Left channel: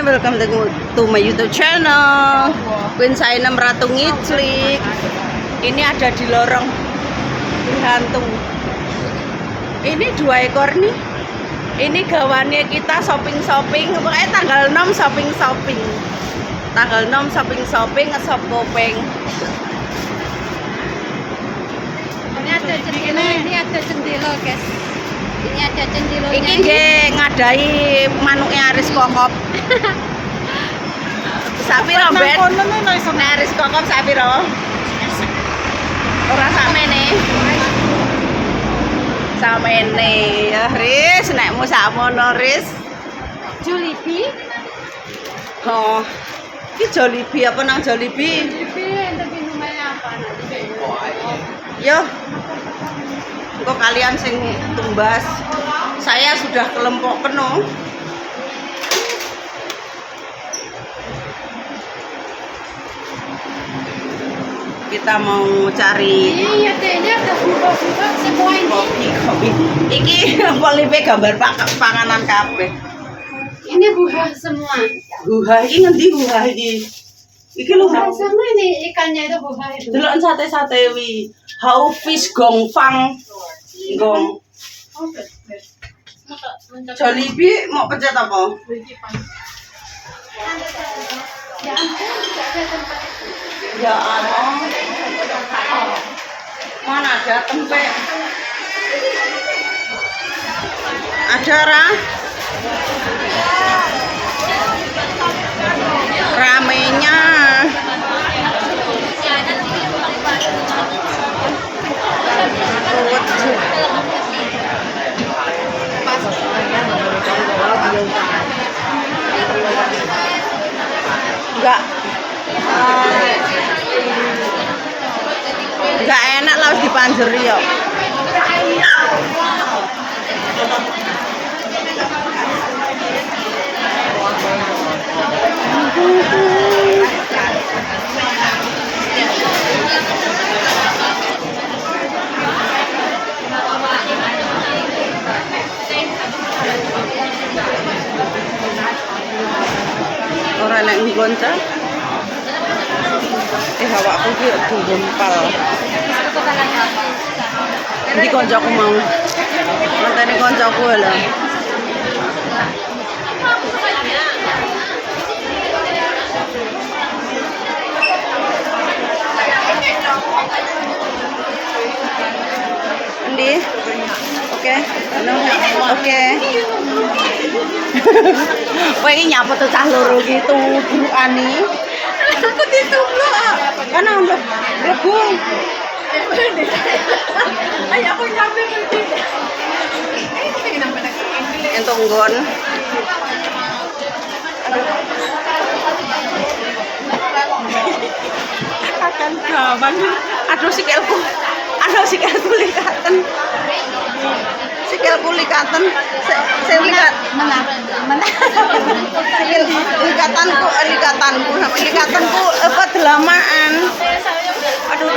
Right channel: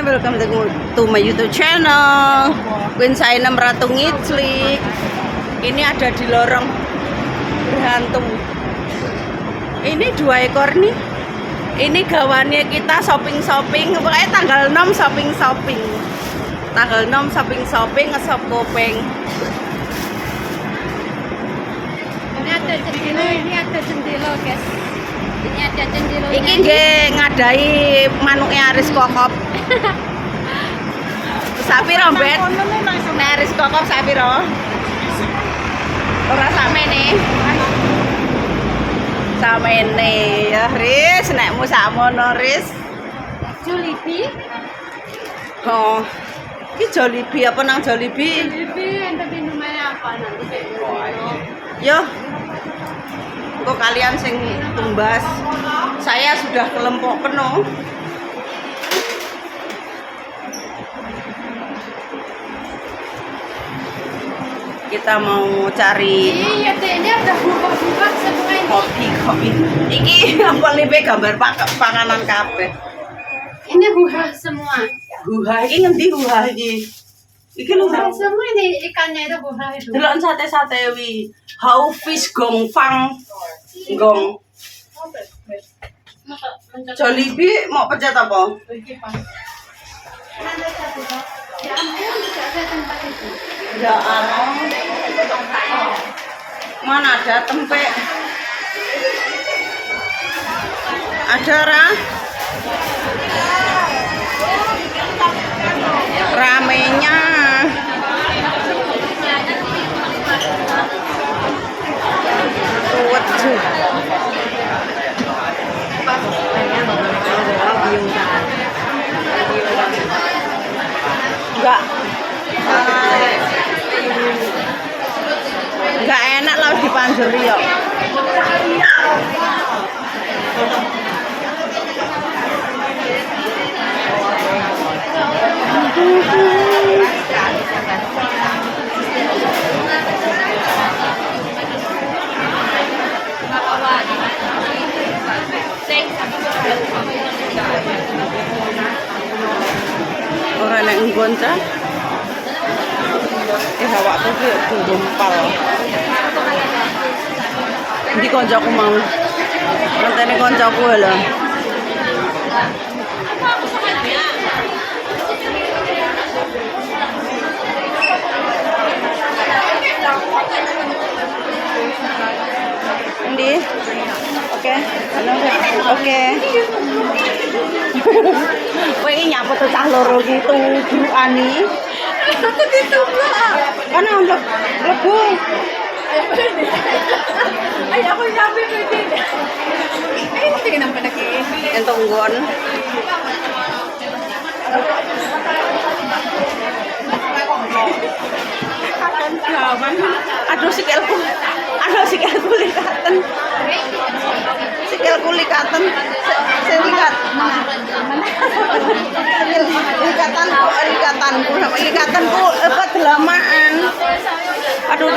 Hai, welcome to my YouTube channel. Queen Sainem Ratu Ngiclik. Ini ada di lorong berhantu. Ini 2 ekor nih. Ini gawannya kita shopping. Pokoknya tanggal 6 shopping. Tanggal 6 shopping ngesop kopeng. Ini ada jendela, guys. Ini ada jendelanya. Ini nggih ngadai manuknya Aris Kokop. Sapiro, Bet? Aris Kokop sapiro? Ora samene. Samene ya, Riz, nekmu sakmono, Riz. Jollibee. Oh. Iki Jollibee apa nang Jollibee? Jollibee ente minumnya apa nanti? Yo. Engko kalian sing tumbas. Saya sudah kelempok penuh. Kita mau cari Iya, ini udah buka semua ini. kopi. Iki live gambar panganan kabeh. Ini buah semua. Buah iki ngendi buah iki? Iki lho. Buah semua ini ikannya itu buah itu. Delok sate-sate wi. How fish gong fang. Gong. Jollibee mau pencet apa? Ya Allah. Mana ada tempe? Ada ramenya. Ruwet juga. Enggak enak lah harus dipanjeri yo. Orang yang nggonta awakku ki gumpal. Ndi koncoku mau. Mantene koncoku lho. Ndi? Oke. Oke. Kowe iki nyapa tuh cah loro ki tubrukane. Aku ditumblok. Kan amplop lebu. Ayo aku nyampe ke sini. Ini tinggal nang lagi. Entuk nggon. Aduh sikilku. Likaten. Sikilku likaten. Sing likat. Likatanku apa delamaan. Aduh.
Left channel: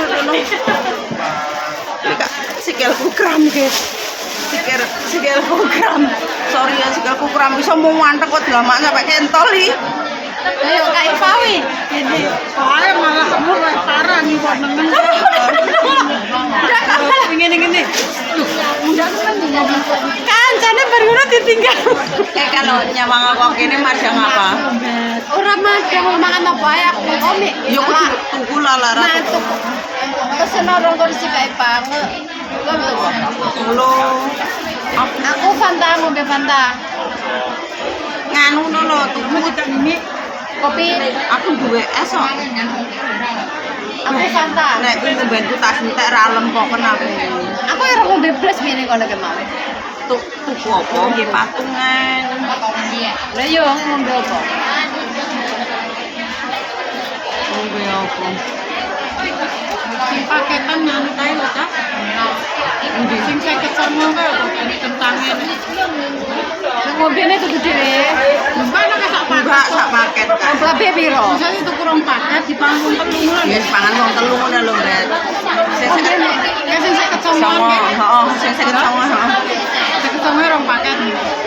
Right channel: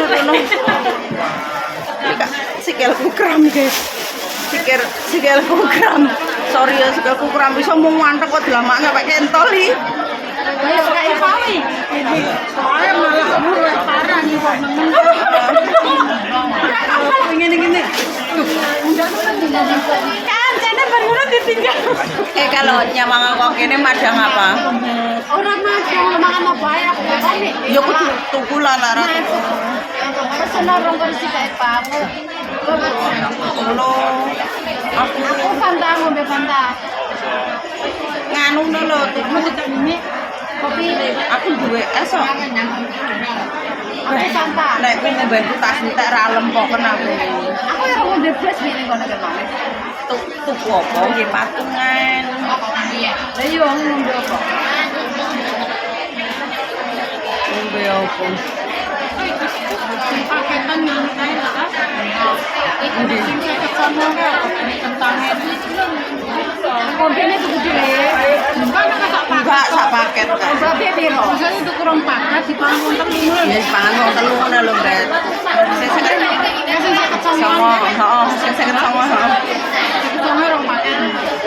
Sikilku kram, guys. Sikilku kram. Sorry ya, sikilku kram bisa mau mantek kok delamaan sampai kentol iki. Kayak pawi. Ini soalnya malah kamu parah nih kok meneng. Ngene. Tuh. Kan jane baru ditinggal. Kalau nyamang kok kene madang apa? Ora madang mangan apa ya aku ngombe. Ya aku tuku lalara tuku. Pesen orang kursi kayak pawe. Ulo. Aku Fanta ngombe Fanta. Nganu lho tuku ini. Kopi. Aku duwe es kok. Aku Fanta. Nek kuwi ngombenku tak entek ra lempoken aku. Aku ora ngombe blas ngene kono kemarin. Tuku apa nggih patungan. Lah yo ngombe apa? Ngombe apa? Paketan nyantai lah kan? Ini sing saya kesana kan apa kentangnya? Ngombe itu gede. Enggak sak paket kan. Tapi piro? Maksudnya itu kurang paket di panggung telu. Ya pangan wong telu ngono lho, Mbak. Sing Songo, heeh, sing 59, heeh. songo rong paket.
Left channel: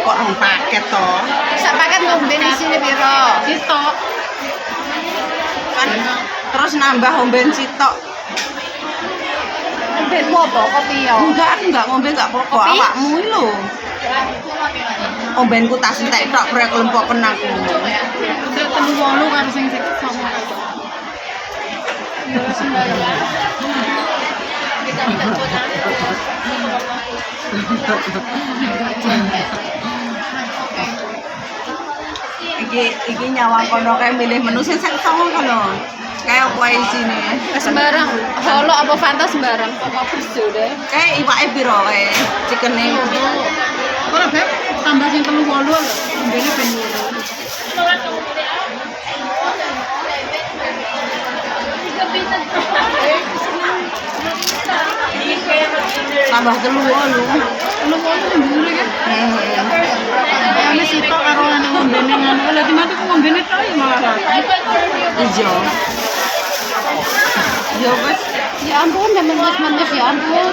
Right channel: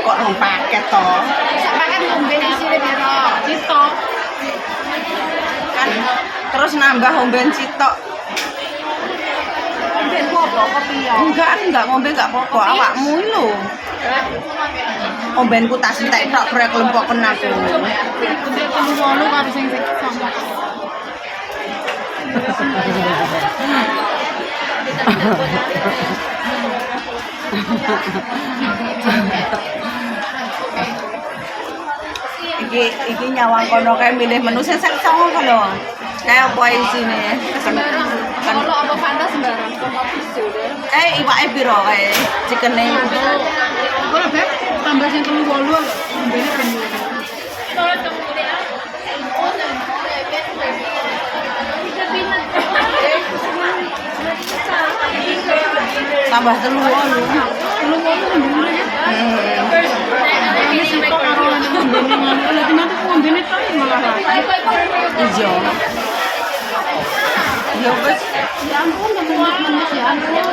Kok rong paket to? Sak paket ngombe di sini piro? terus nambah omben sitok. Benmu apa kopi ya? Enggak, aku enggak ngombe enggak apa-apa. Awakmu iki lho. Ombenku tas entek tok prek lempoken aku. Untuk 38 karo sing 9. Iki nyawang kono kae milih menu sing 9 kono. Kayak apa isine? Sembarang. Solo apa Fanta sembarang. Kayak iwake piro kae? Cikene. Ora Beb, tambah sing 38 lho. Mbene ben Tambah 3 lu. Lu mau ngombe ya? Ini sitok karo lan ngombene ngono. Lah dimana ku ngombene tok ya malah. Ijo. Ya wis, Ya ampun, menes ya ampun.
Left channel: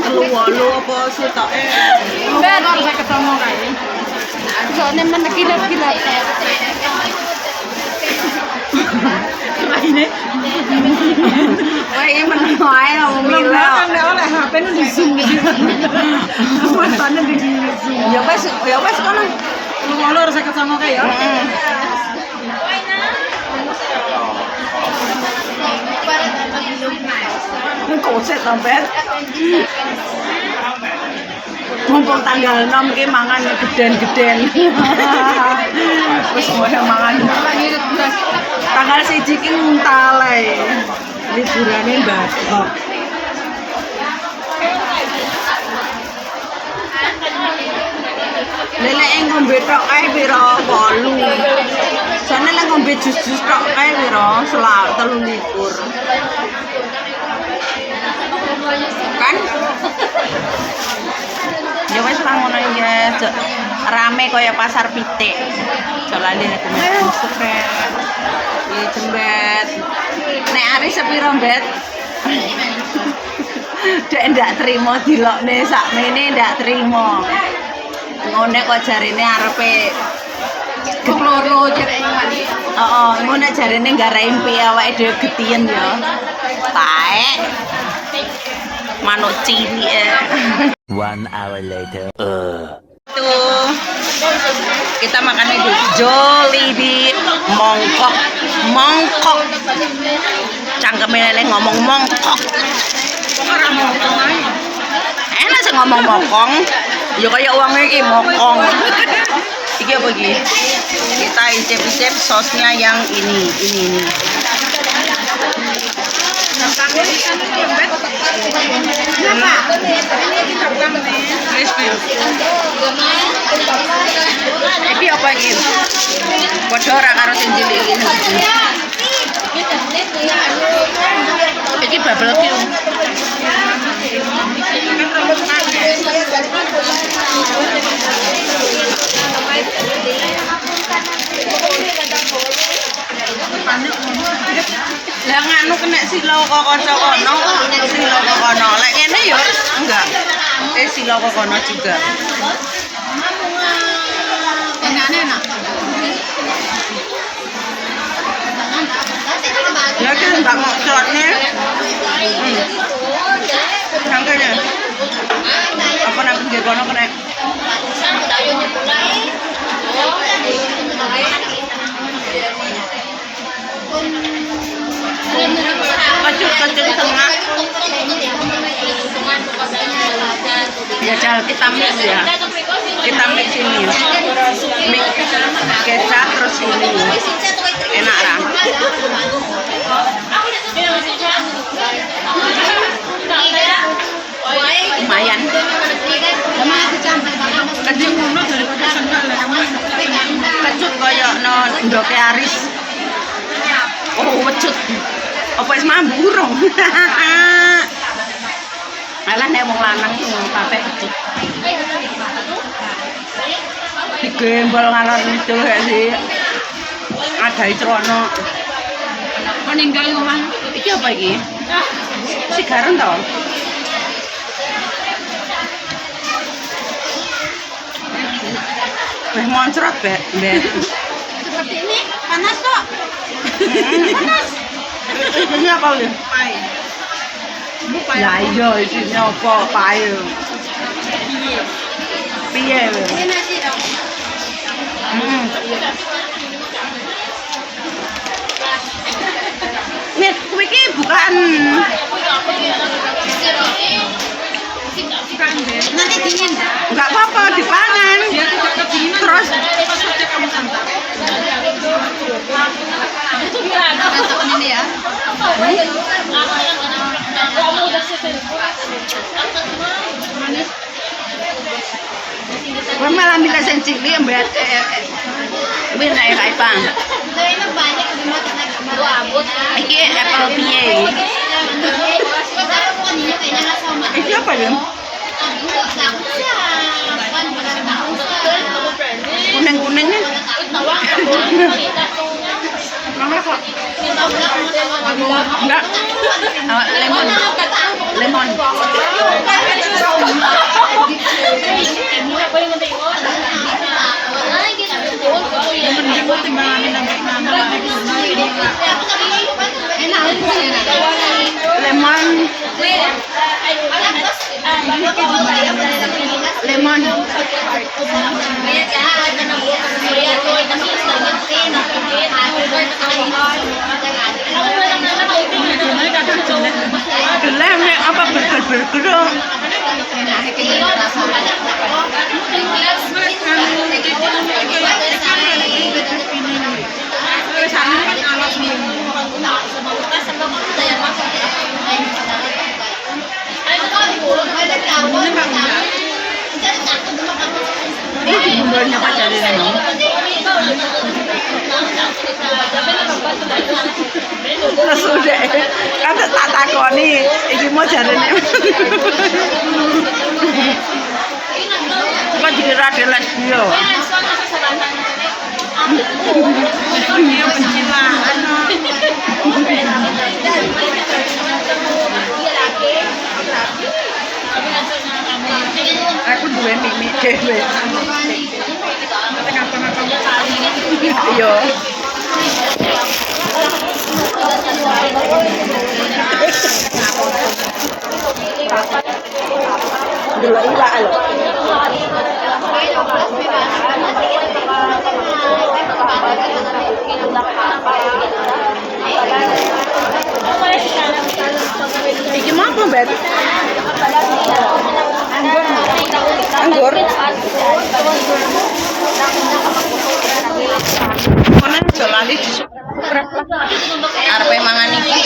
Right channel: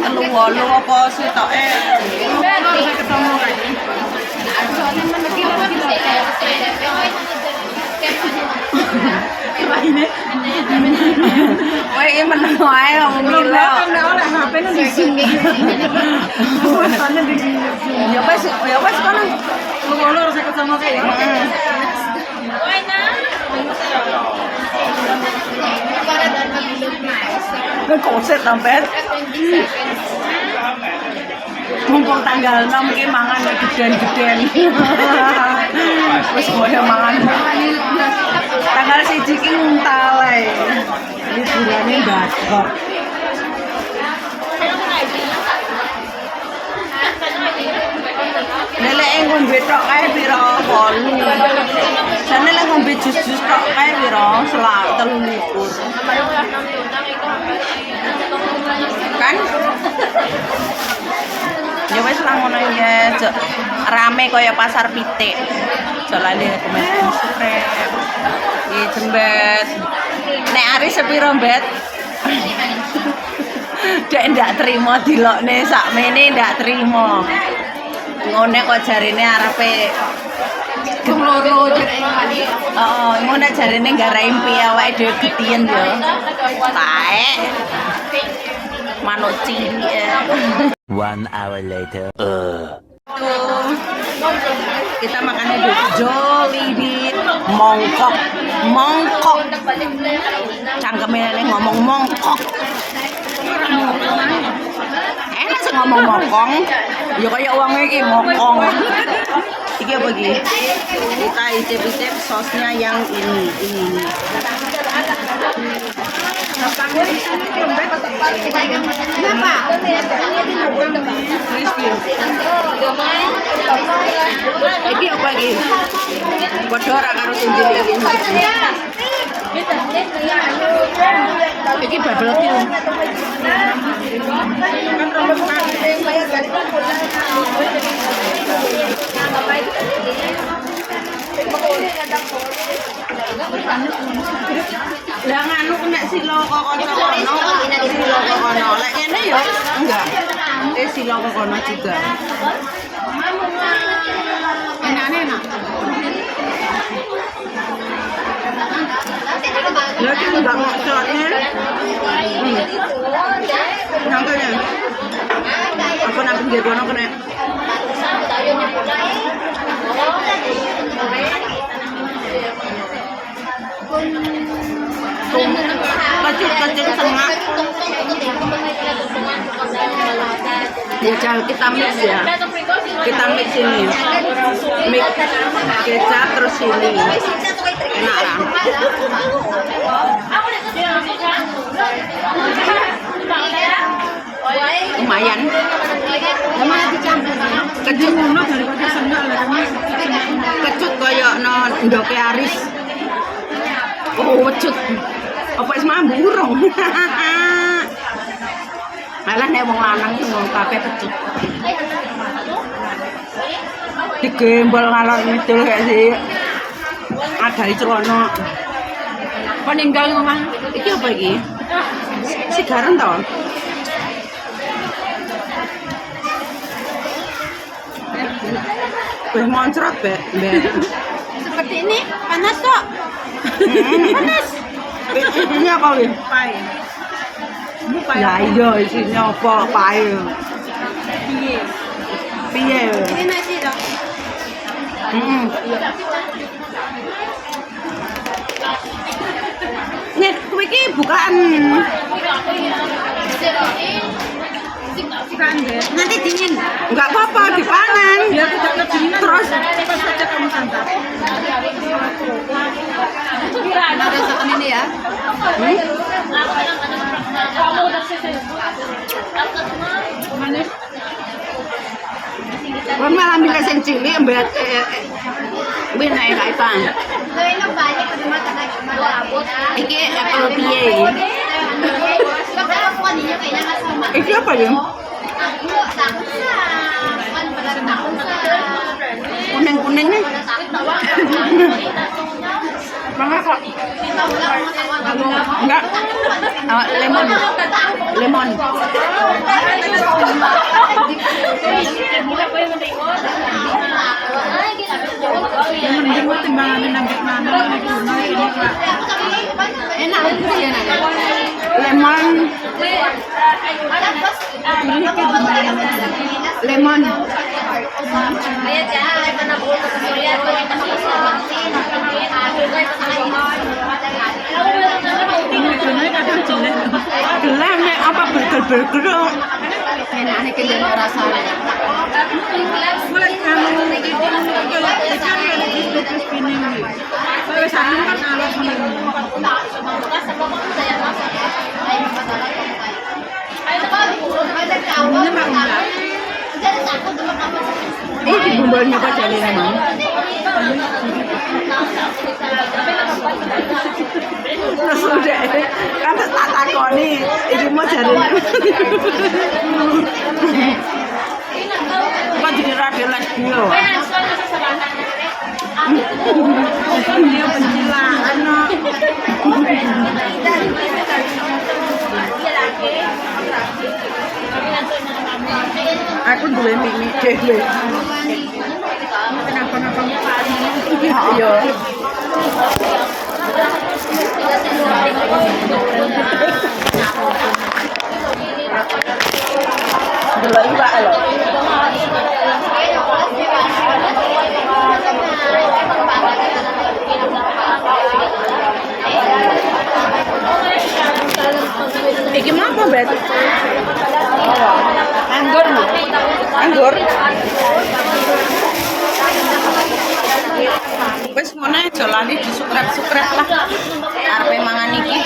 3 apa sitoke? Mbak, harus saya ketemu kae. Soalnya meneki lagi lah. Ini. Wah, iki meneng wae ngomong milih. Oleh HP nu di Zoom iki. Ya wis kono. Lu harus saya ketemu kae ya. Heeh. Koset tampet. Mumpung tanggal 6 ki mangan geden-geden. Wis koyo mangan. Tanggal 1 ki nguntal ae. Liburane batok. Lelek ngombe tok kae pira 8. Jane lek ngombe jus-jus tok kae pira? 23. Kan? Ya wis lah ngono ya, rame kaya pasar pitik. Jolane rekomendasi subscribe. Iki jembet. Nek Aris sepiro, Mbet? Dek ndak trimo dilokne sakmene ndak trimo. Ngono kok jarine arepe loro jepangane. Heeh, ngono jarine nggarai impi awake dhewe getien ya. Taek. Manuk cilik. 1 hour later. Tuh, kita makannya di Jollibee mongkok. Cangkeme nenek ngomong mongkok. Ora mongkok. Enak sih ngomong mokong. Ya kayak uangnya iki mokong. Iki apa iki? Kita icip-icip sosnya yang ini. Iki apa iki? Padha ora karo tunjul iki. Iki bubble tea. Lah nganu kena silo kok kanca kono, silo kok kono. Lek ngene ya enggak. Silo kok kono juga. Enak. Ya kan enggak ngocornya. Nangkanya. Apa nang pinggir kono kena. Kecut tengah. Ya jangan kita mix ya. Kita mix ini. Mix kecap terus ini. Enak lah. Lumayan. Kecut koyo no ndoke Aris. Oh, wecut. Apa wis mambu urung? Alah nek wong lanang ngomong kabeh kecut. Digembol ngalor ngidul gak sih? Adai Trono. Meninggal omah. Iki apa iki? Sigaran to? Wis moncrot, Mbak. Seperti ini panas kok. Panas. Isinya apa ya? Lah iya isinya apa? Pae. Piye? Nih, kuwi iki bukan. Nanti dingin. Enggak apa-apa dipangan. Terus Rasakan ini ya. kowe malah milih sing cilik mbet kuwi nek kae pang. Iki apel piye? Iki apa ya? Kuning-kuningnya. Enggak. Lemon. Lemon. Lemon. Lemon. Gelem nek apa berger-berger. Enaknya kenyang rasa. Ini bumbunya apa jadinya mau? Sudah, kata tak takoni, ini mau jadinya. Kan jadi rada lesbio. Aku duwe mimi dhewe. Iya. Delok iwak lho. Iki mau apa, Bet? Anggur. Anggur. Wis kono aja lali disukret-sukret lah. Arep mangan iki.